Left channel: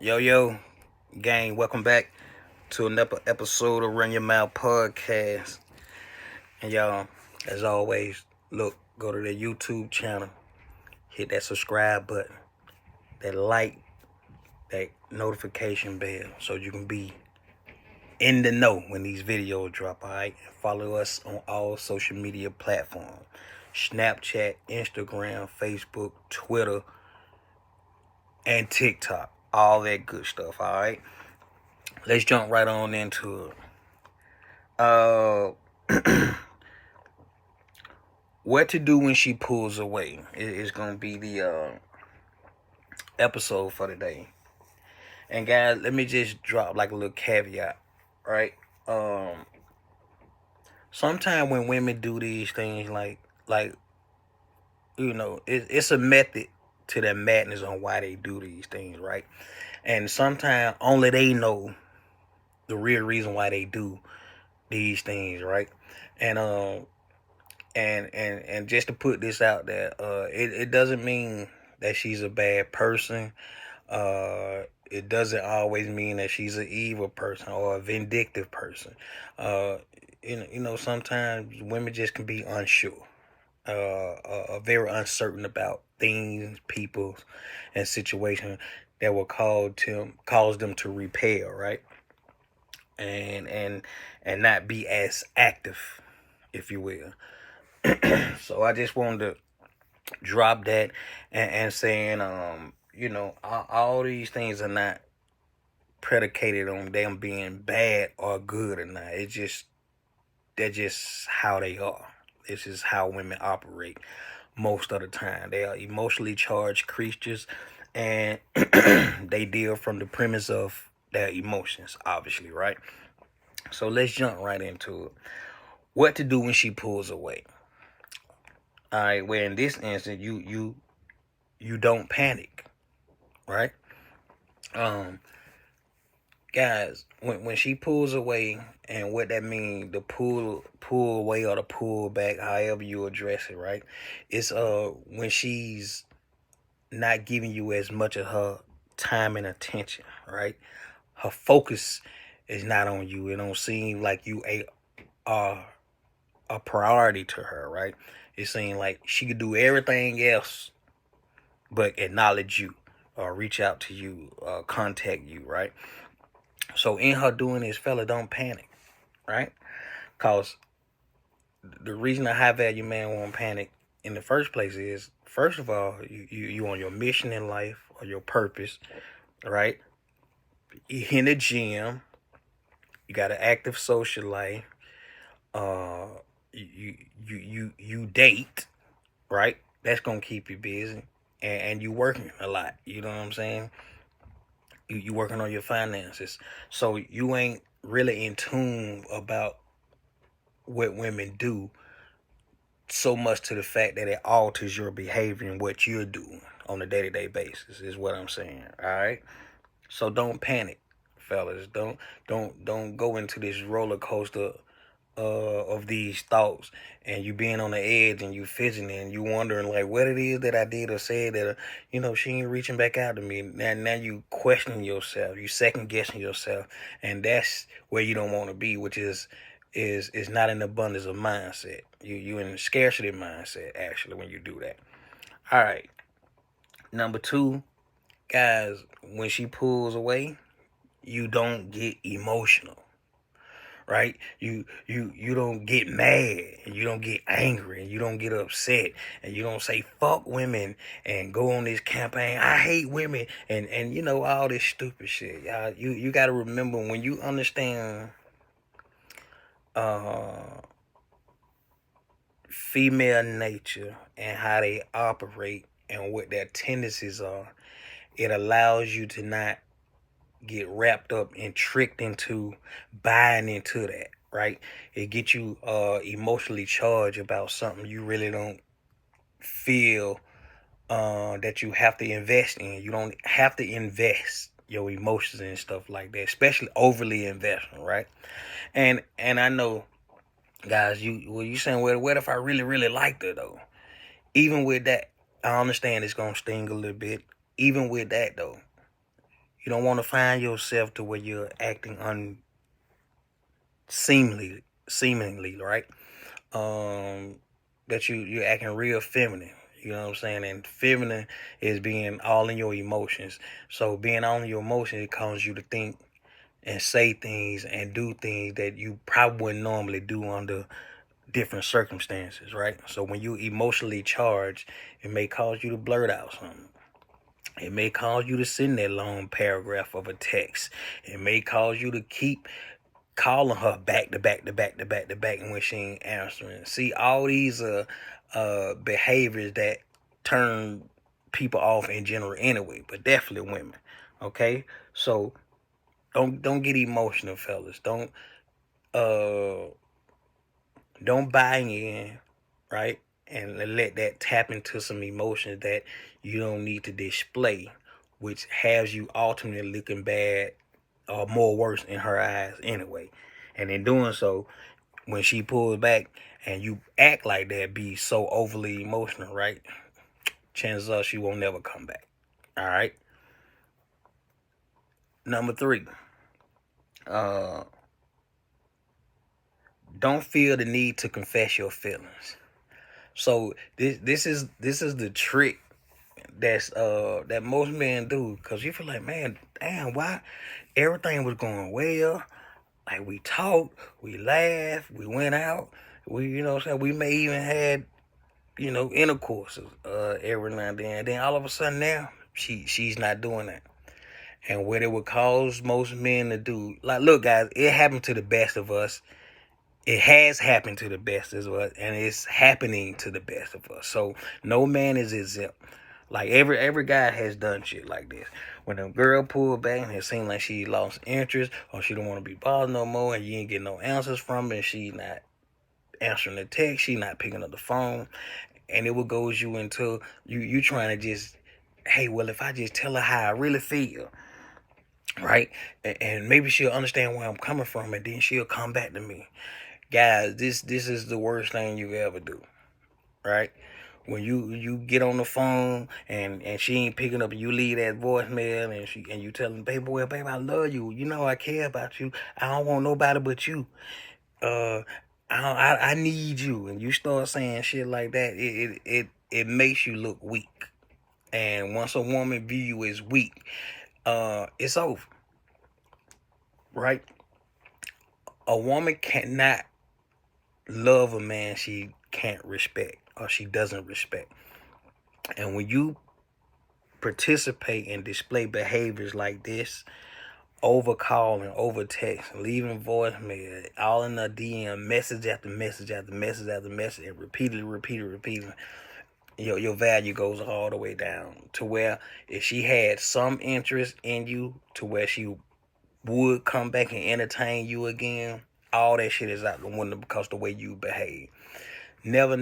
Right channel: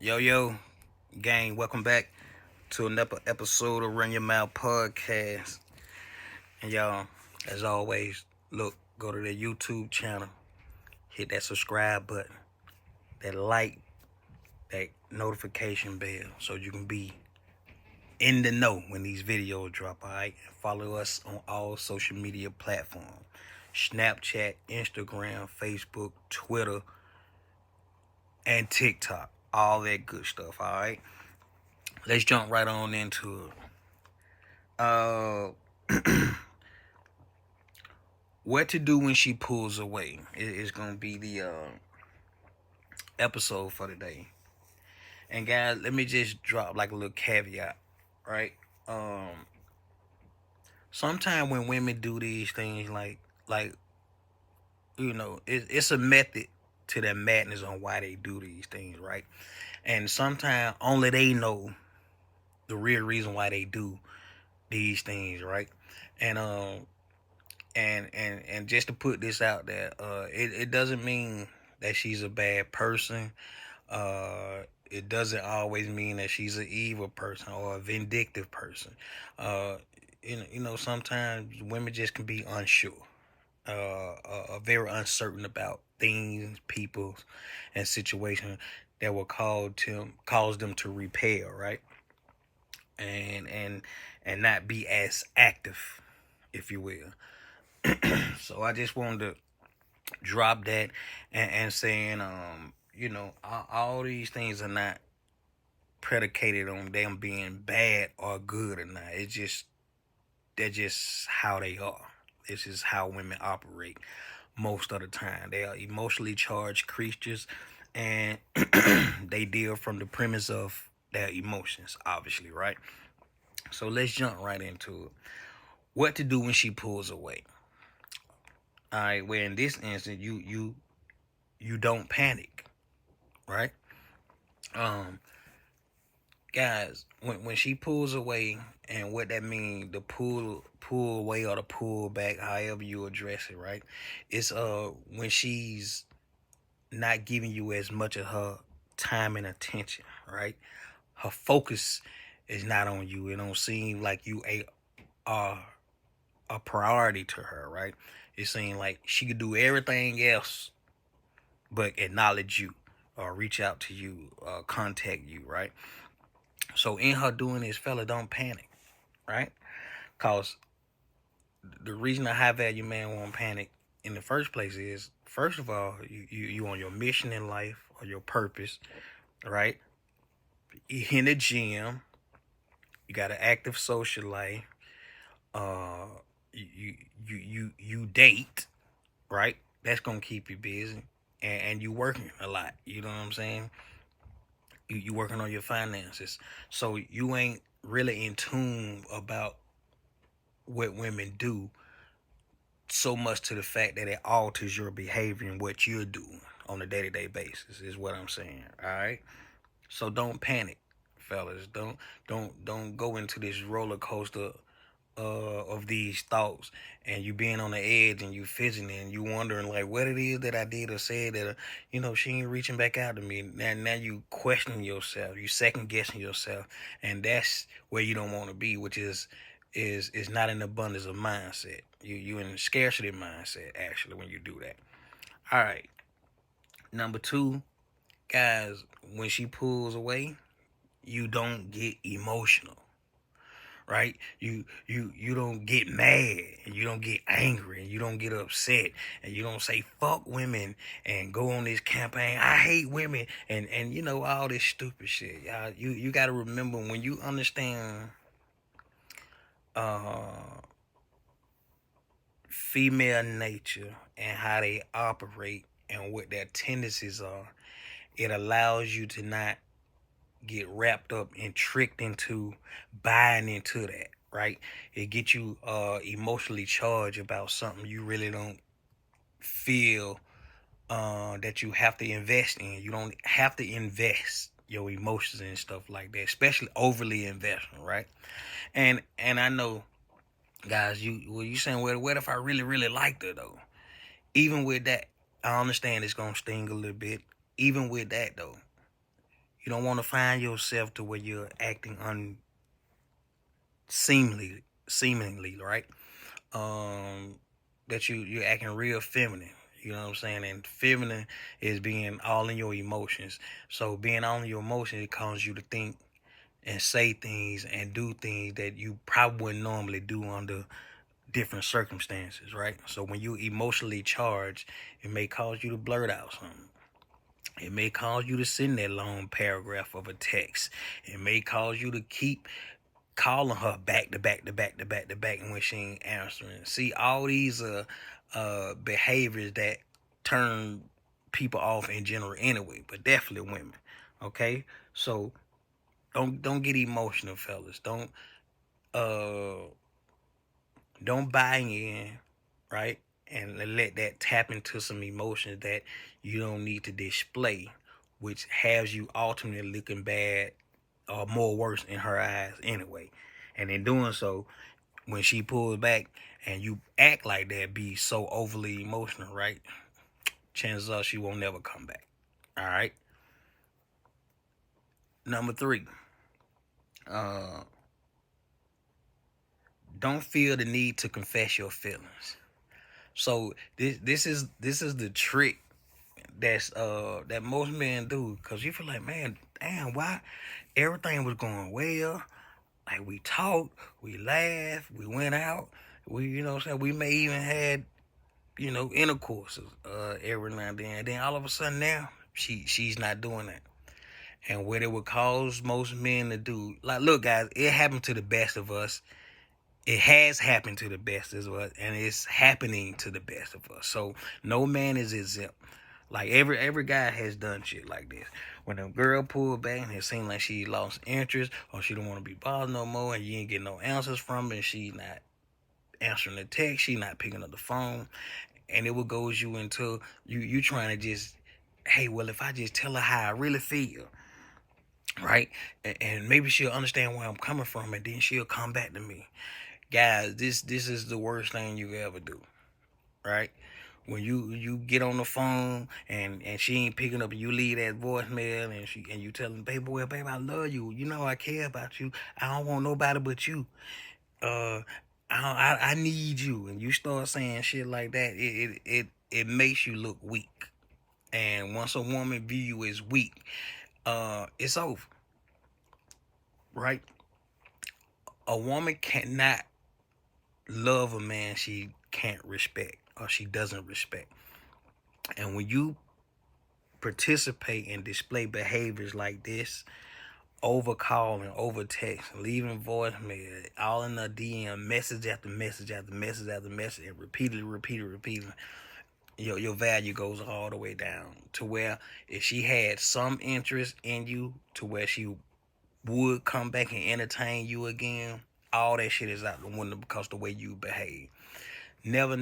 Yo, gang, welcome back to another episode of Run Your Mouth Podcast. And y'all, as always, go to the YouTube channel, hit that subscribe button, that like, that notification bell, so you can be in the know when these videos drop, alright? Follow us on all social media platforms. Snapchat, Instagram, Facebook, Twitter, and TikTok. All that good stuff, alright? Let's jump right on into it. What to do when she pulls away is going to be the episode for today. And guys, let me just drop like a little caveat, right? Sometimes when women do these things, it's a method to their madness on why they do these things, right? And sometimes only they know the real reason why they do these things, right? And and just to put this out there, it doesn't mean that she's a bad person. It doesn't always mean that she's an evil person or a vindictive person. Sometimes women just can be unsure, very uncertain about things, people, and situations that will cause them to repel, right? And not be as active, if you will. So I just wanted to drop that and saying, all these things are not predicated on them being bad or good or not. They're just how they are. This is how women operate most of the time. They are emotionally charged creatures, and they deal from the premise of their emotions, obviously, right? So let's jump right into it. What to do when she pulls away? All right, where in this instance you don't panic, right? Guys, when she pulls away, and what that means, the pull away or the pull back, however you address it, right? It's when she's not giving you as much of her time and attention, right? Her focus is not on you. It don't seem like you are a priority to her, right? It seems like she could do everything else but acknowledge you or reach out to you, contact you, right? So in her doing this, fella, don't panic, right? Because the reason a high value man won't panic in the first place is, first of all, you on your mission in life or your purpose, right? You in the gym, you got an active social life, you date, right? That's gonna keep you busy, and you working a lot. You know what I'm saying? You working on your finances, so you ain't really in tune about what women do so much to the fact that it alters your behavior and what you're doing on a day-to-day basis is what I'm saying. All right, so don't panic, fellas. Don't go into this roller coaster of these thoughts, and you being on the edge and you fidgeting and you wondering like what it is that I did or said that she ain't reaching back out to me. Now you questioning yourself, you second guessing yourself, and that's where you don't want to be, which is not an abundance of mindset. You in a scarcity mindset actually when you do that. All right, number two, guys, when she pulls away, you don't get emotional, right? You don't get mad, and you don't get angry, and you don't get upset, and you don't say fuck women and go on this campaign, I hate women, and all this stupid shit. Y'all, you got to remember, when you understand female nature and how they operate and what their tendencies are, it allows you to not get wrapped up and tricked into buying into that, right? It gets you emotionally charged about something you really don't feel that you have to invest in. You don't have to invest your emotions and stuff like that, especially overly investing, right? And I know, guys, you saying, well, what if I really, really liked her though? Even with that, I understand it's gonna sting a little bit. Even with that though, You don't want to find yourself to where you're acting seemingly, right? That you're acting real feminine. You know what I'm saying? And feminine is being all in your emotions. So being all in your emotions, it causes you to think and say things and do things that you probably wouldn't normally do under different circumstances, right? So when you emotionally charged, it may cause you to blurt out something. It may cause you to send that long paragraph of a text. It may cause you to keep calling her back to back to back to back to back when she ain't answering. See, all these behaviors that turn people off in general anyway, but definitely women. Okay? So don't get emotional, fellas. Don't buy in, right? And let that tap into some emotions that you don't need to display, which has you ultimately looking bad or more worse in her eyes anyway. And in doing so, when she pulls back and you act like that, be so overly emotional, right? Chances are she won't never come back. All right. Number 3, don't feel the need to confess your feelings. So this is the trick that most men do, because you feel like, man, damn, why everything was going well, like we talked, we laughed, we went out, we we may even had intercourses every now and then all of a sudden now she's not doing that. And what it would cause most men to do, like, look guys, it happened to the best of us. It has happened to the best of us, and it's happening to the best of us. So no man is exempt. Like every guy has done shit like this. When a girl pulled back and it seemed like she lost interest or she don't want to be bothered no more, and you ain't getting no answers from her, and she not answering the text, she not picking up the phone, and it would goes you into you trying to just, hey, well, if I just tell her how I really feel, right, and maybe she'll understand where I'm coming from, and then she'll come back to me. Guys, this is the worst thing you ever do, right? When you get on the phone and she ain't picking up, and you leave that voicemail and you tell them, baby, well, babe, I love you. You know I care about you. I don't want nobody but you. I need you. And you start saying shit like that, it makes you look weak. And once a woman view you as weak, it's over, right? A woman cannot love a man she can't respect or she doesn't respect. And when you participate and display behaviors like this, over calling, over text, leaving voicemail, all in the DM, message after message after message after message, and repeatedly, your value goes all the way down to where if she had some interest in you to where she would come back and entertain you again, all that shit is out the window because of the way you behave. Never,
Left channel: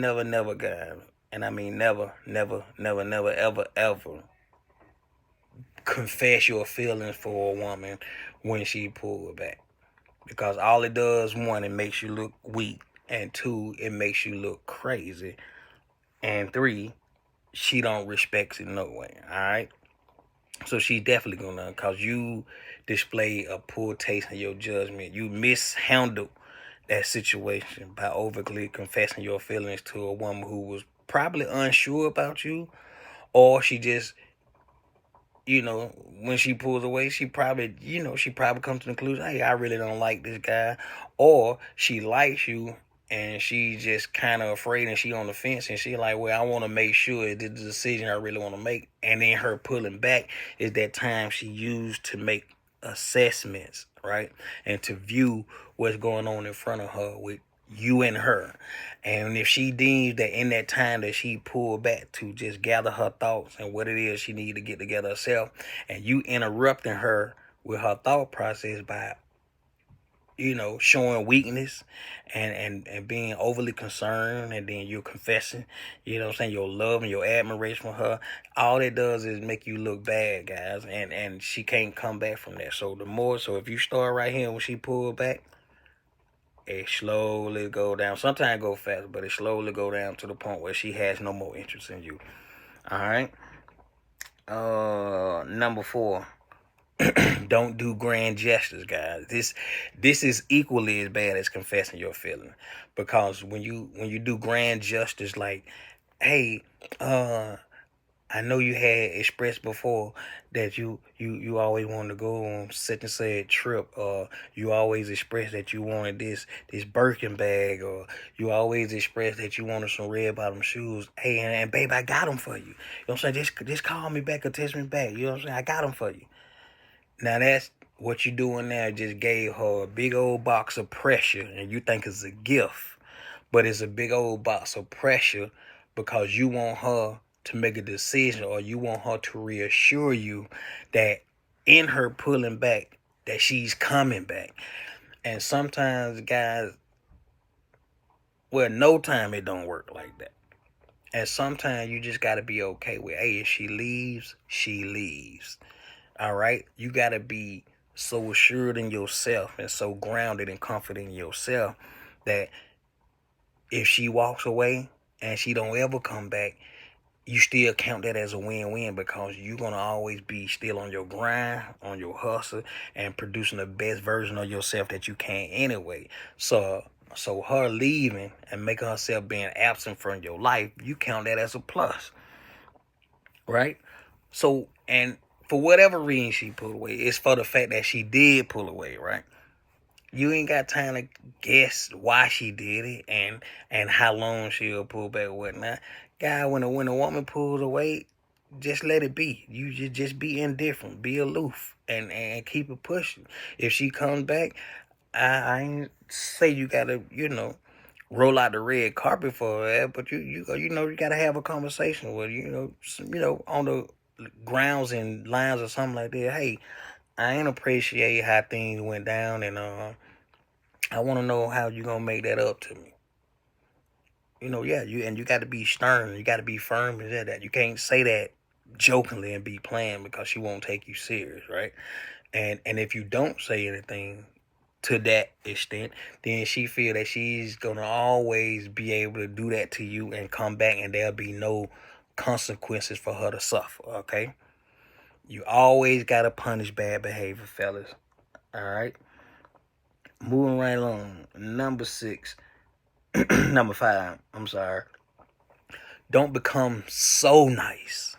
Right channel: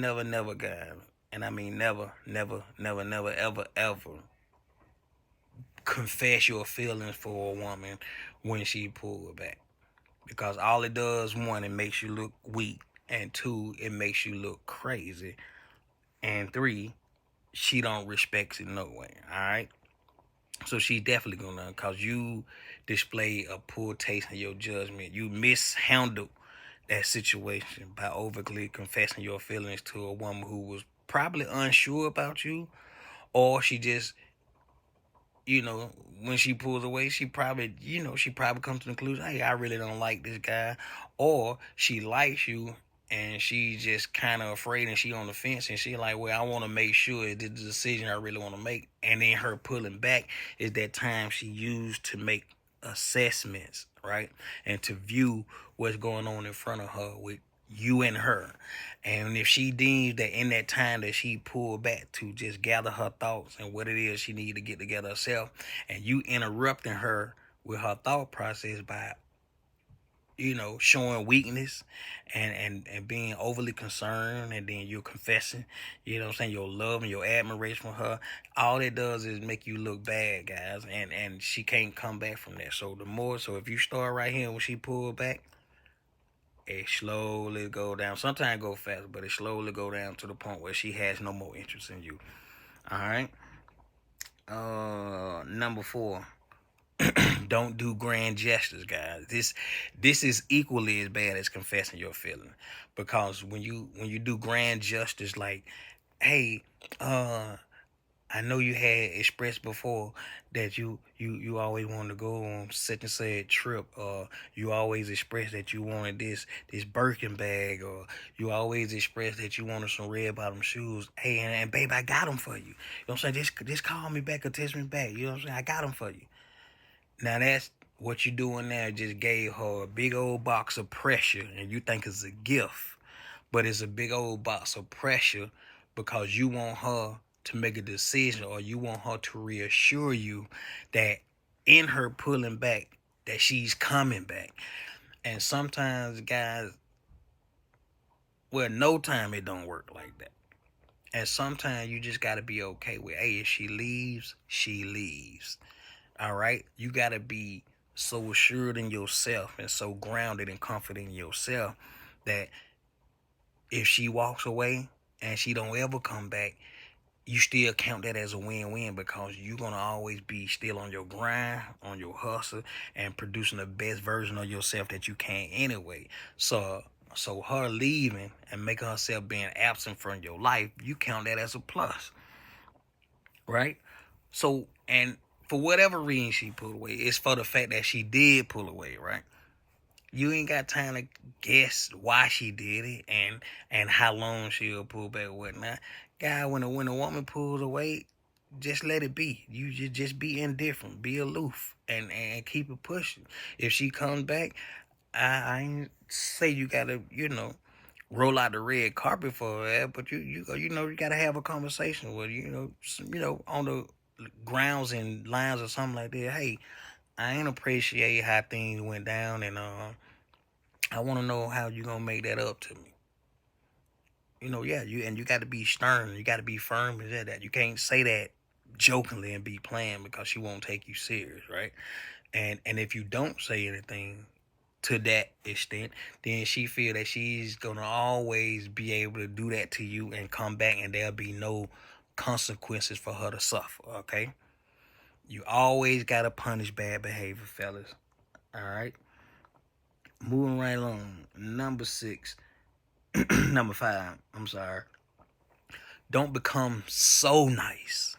guys, and I mean never, ever confess your feelings for a woman when she pulled back. Because all it does, 1, it makes you look weak, and 2, it makes you look crazy, and 3, she don't respect it no way, all right? So she definitely gonna, cause you display a poor taste in your judgment. You mishandled that situation by overtly confessing your feelings to a woman who was probably unsure about you, or she just, when she pulls away, she probably comes to the conclusion, hey, I really don't like this guy, or she likes you and she just kind of afraid and she on the fence and she like, well, I want to make sure this is the decision I really want to make. And then her pulling back is that time she used to make assessments, right? And to view what's going on in front of her with you and her. And if she deems that in that time that she pulled back to just gather her thoughts and what it is she need to get together herself, and you interrupting her with her thought process by, showing weakness and being overly concerned, and then you're confessing, your love and your admiration for her, all it does is make you look bad, guys, and she can't come back from that. So if you start right here when she pulled back, it slowly go down. Sometimes go fast, but it slowly go down to the point where she has no more interest in you. All right. Number 4. Don't do grand gestures, guys. This is equally as bad as confessing your feelings. Because when you do grand gestures like, hey, I know you had expressed before that you always wanted to go on such and said trip, or you always expressed that you wanted this Birkin bag, or you always expressed that you wanted some red bottom shoes. Hey, and babe, I got them for you. You know what I'm saying? Just call me back or text me back. You know what I'm saying? I got them for you. Now that's what you doing now. Just gave her a big old box of pressure, and you think it's a gift, but it's a big old box of pressure because you want her to make a decision, or you want her to reassure you that in her pulling back, that she's coming back. And sometimes, guys, well, no time it don't work like that. And sometimes you just got to be okay with, hey, if she leaves, she leaves. All right? You got to be so assured in yourself and so grounded and confident in yourself that if she walks away and she don't ever come back, you still count that as a win-win, because you're going to always be still on your grind, on your hustle, and producing the best version of yourself that you can anyway. So her leaving and making herself being absent from your life, you count that as a plus, right? So, and for whatever reason she pulled away, it's for the fact that she did pull away, right? You ain't got time to guess why she did it and how long she'll pull back or whatnot. Guy, when a woman pulls away, just let it be. You just be indifferent, be aloof, and keep it pushing. If she comes back, I ain't say you gotta, roll out the red carpet for her, but you gotta have a conversation with her, on the grounds and lines or something like that. Hey, I ain't appreciate how things went down, and I want to know how you gonna make that up to me. You got to be stern. You got to be firm and that. You can't say that jokingly and be playing, because she won't take you serious, right? And if you don't say anything to that extent, then she feel that she's gonna always be able to do that to you and come back, and there'll be no consequences for her to suffer. Okay? You always gotta punish bad behavior, fellas. All right. Moving right along. Number 5. I'm sorry. Don't become so nice.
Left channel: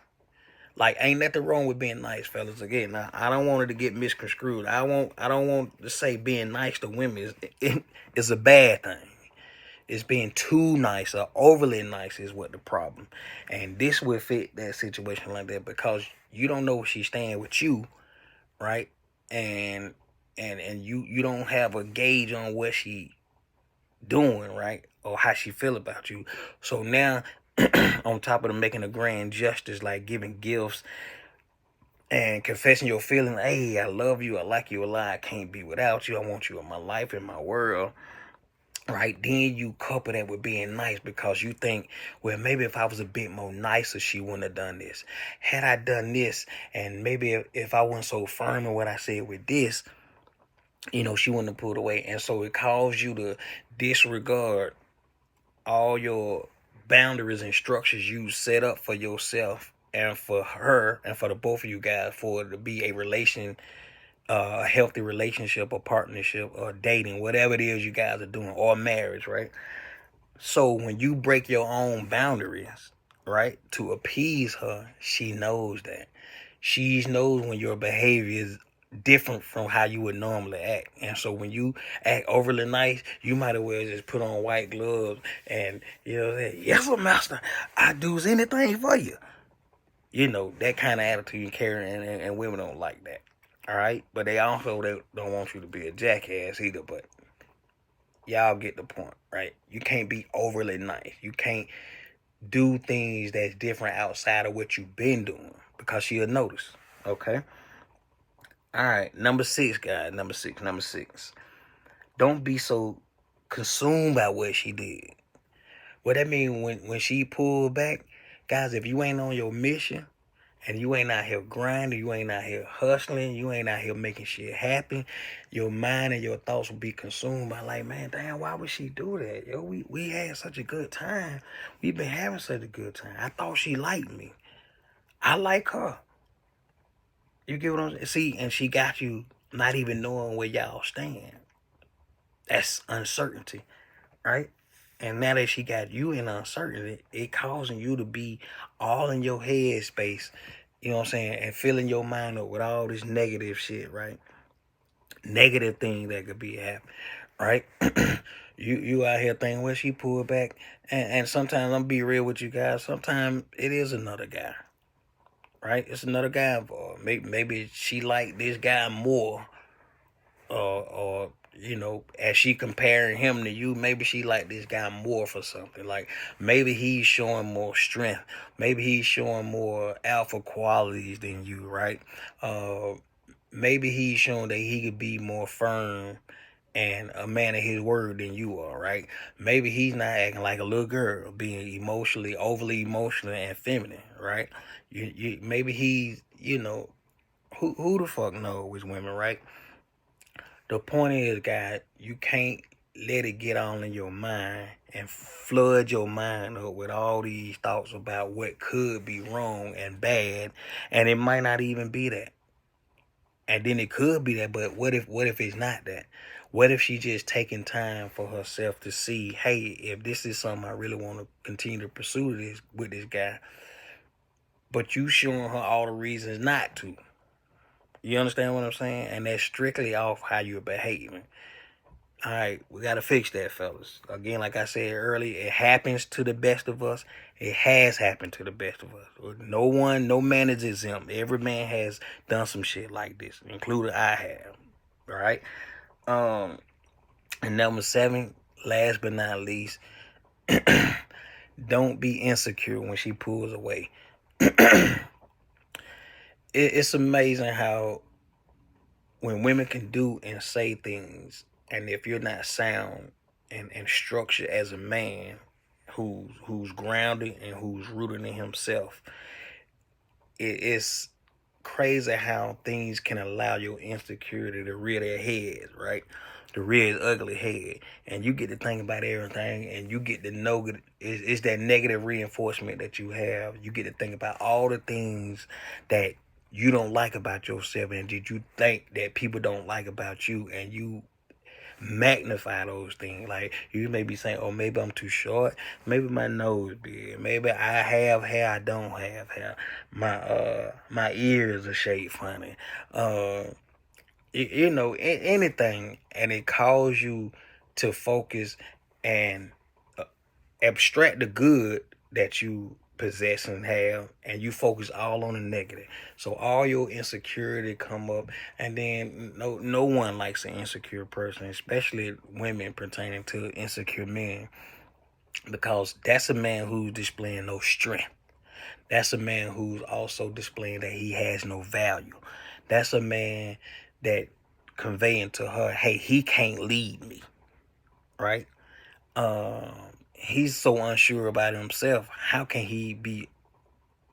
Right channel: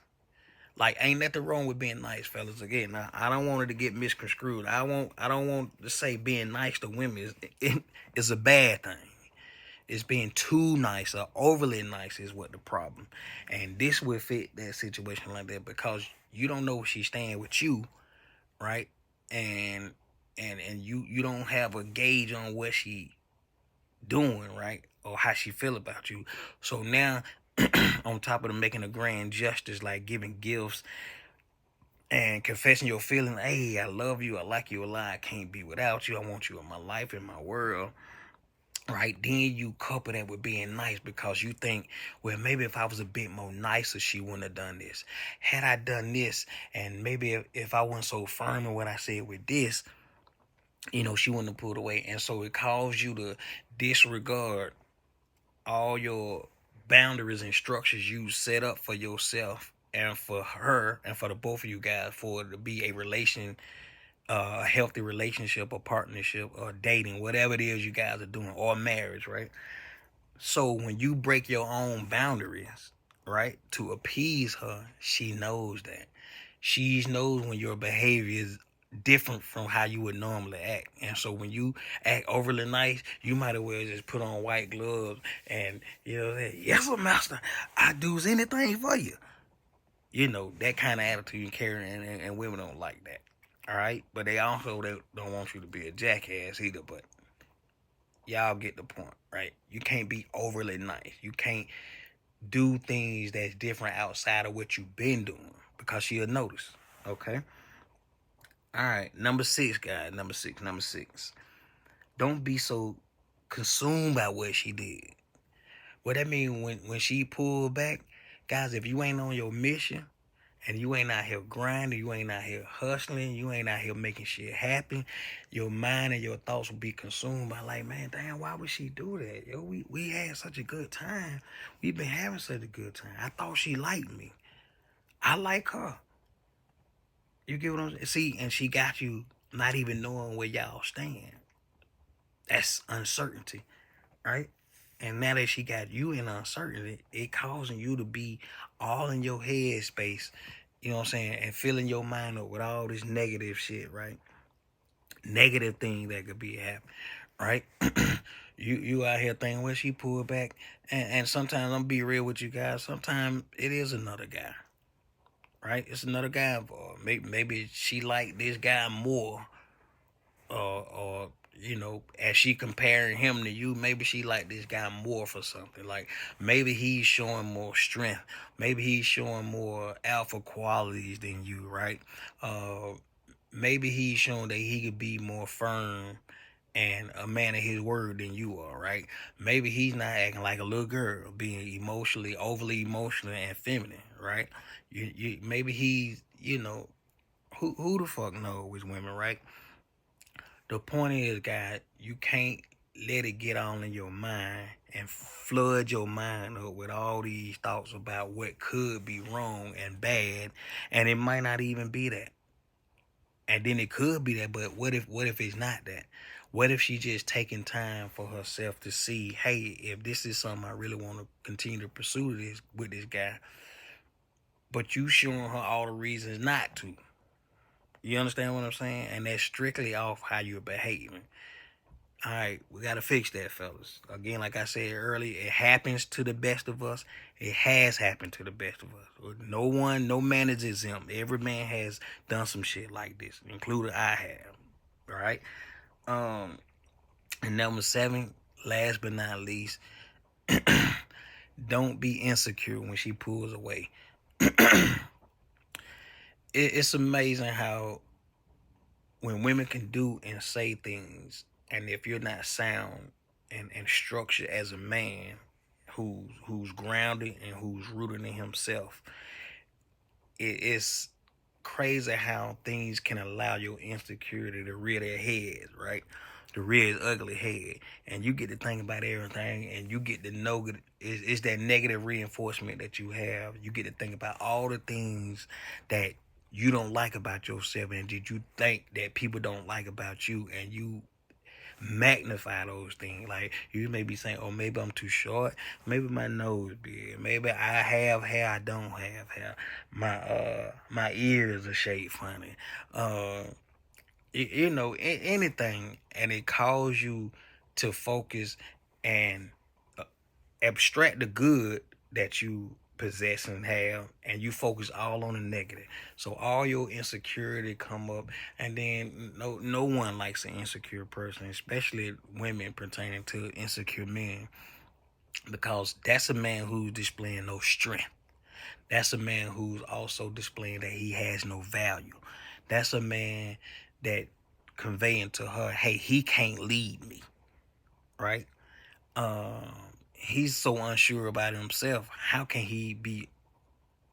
Like, ain't nothing wrong with being nice, fellas. Again, now, I don't want it to get misconstrued. I don't want to say being nice to women is a bad thing. It's being too nice or overly nice is what the problem. And this would fit that situation like that, because you don't know if she's staying with you, right? And you don't have a gauge on what she doing, right? Or how she feel about you. So now, on top of the making a grand gestures like giving gifts and confessing your feelings, hey, I love you, I like you a lot, I can't be without you, I want you in my life, in my world, right? Then you couple that with being nice, because you think, well, maybe if I was a bit more nicer, she wouldn't have done this. Had I done this, and maybe if I wasn't so firm in what I said with this, she wouldn't have pulled away. And so it caused you to disregard all your boundaries and structures you set up for yourself and for her and for the both of you guys, for it to be a healthy relationship or partnership or dating, whatever it is you guys are doing, or marriage, right? So when you break your own boundaries, right, to appease her, she knows that. She knows when your behavior is different from how you would normally act. And so when you act overly nice, you might as well just put on white gloves and, say, yes, sir, master, I do anything for you. That kind of attitude you carry, and women don't like that. All right? But they also don't want you to be a jackass either, but y'all get the point, right? You can't be overly nice. You can't do things that's different outside of what you've been doing, because she'll notice, okay? All right, number 6, guys. Number six. Don't be so consumed by what she did. What that mean when she pulled back, guys, if you ain't on your mission and you ain't out here grinding, you ain't out here hustling, you ain't out here making shit happen, your mind and your thoughts will be consumed by like, man, damn, why would she do that? Yo, we had such a good time. We've been having such a good time. I thought she liked me. I like her. You get what I'm saying? See, and she got you not even knowing where y'all stand. That's uncertainty, right? And now that she got you in uncertainty, it causing you to be all in your head space, you know what I'm saying, and filling your mind up with all this negative shit, right? Negative things that could be happening, right? you out here thinking, well, she pulled back, and sometimes I'm be real with you guys. Sometimes it is another guy, right? It's another guy involved. Maybe she like this guy more, or you know, as she comparing him to you, maybe she like this guy more for something. Like maybe he's showing more strength, maybe he's showing more alpha qualities than you, right? Maybe he's showing that he could be more firm and a man of his word than you are, right? Maybe he's not acting like a little girl, being overly emotional and feminine, right? Maybe he's, you know, who the fuck knows with women, right? The point is, guys, you can't let it get on in your mind and flood your mind up with all these thoughts about what could be wrong and bad, and it might not even be that. And then it could be that, but what if it's not that? What if she just taking time for herself to see, hey, if this is something I really want to continue to pursue this with this guy, but you showing her all the reasons not to. You understand what I'm saying? And that's strictly off how you're behaving. All right, we got to fix that, fellas. Again, like I said earlier, it happens to the best of us. It has happened to the best of us. No man is exempt. Every man has done some shit like this, including I have. All right? And number 7, last but not least, don't be insecure when she pulls away. It's amazing how when women can do and say things, and if you're not sound and structured as a man who's grounded and who's rooted in himself, it's crazy how things can allow your insecurity to rear their heads, right? To rear its ugly head. And you get to think about everything, and you get to know it's that negative reinforcement that you have. You get to think about all the things that you don't like about yourself and did you think that people don't like about you, and you magnify those things. Like you may be saying, oh, maybe I'm too short, maybe my nose big, maybe I have hair, I don't have hair, my ears are shaped funny, you know, anything, and it calls you to focus and abstract the good that you possess and have, and you focus all on the negative. So all your insecurity come up, and then no one likes an insecure person, especially women pertaining to insecure men, because that's a man who's displaying no strength. That's a man who's also displaying that he has no value. That's a man that conveying to her, hey, he can't lead me, right? He's so unsure about himself. How can he be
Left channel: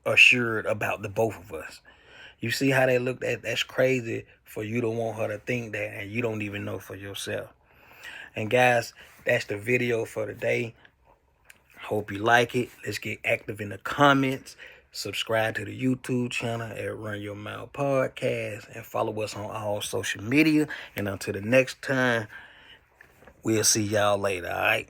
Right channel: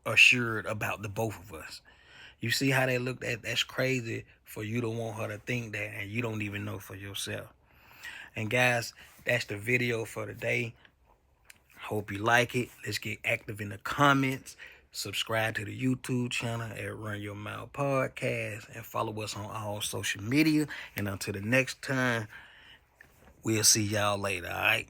assured about the both of us? You see how they look at? That's crazy for you to want her to think that, and you don't even know for yourself. And guys, that's the video for today. Hope you like it. Let's get active in the comments. Subscribe to the YouTube channel at Run Your Mouth Podcast, and follow us on all social media. And until the next time, we'll see y'all later, all right?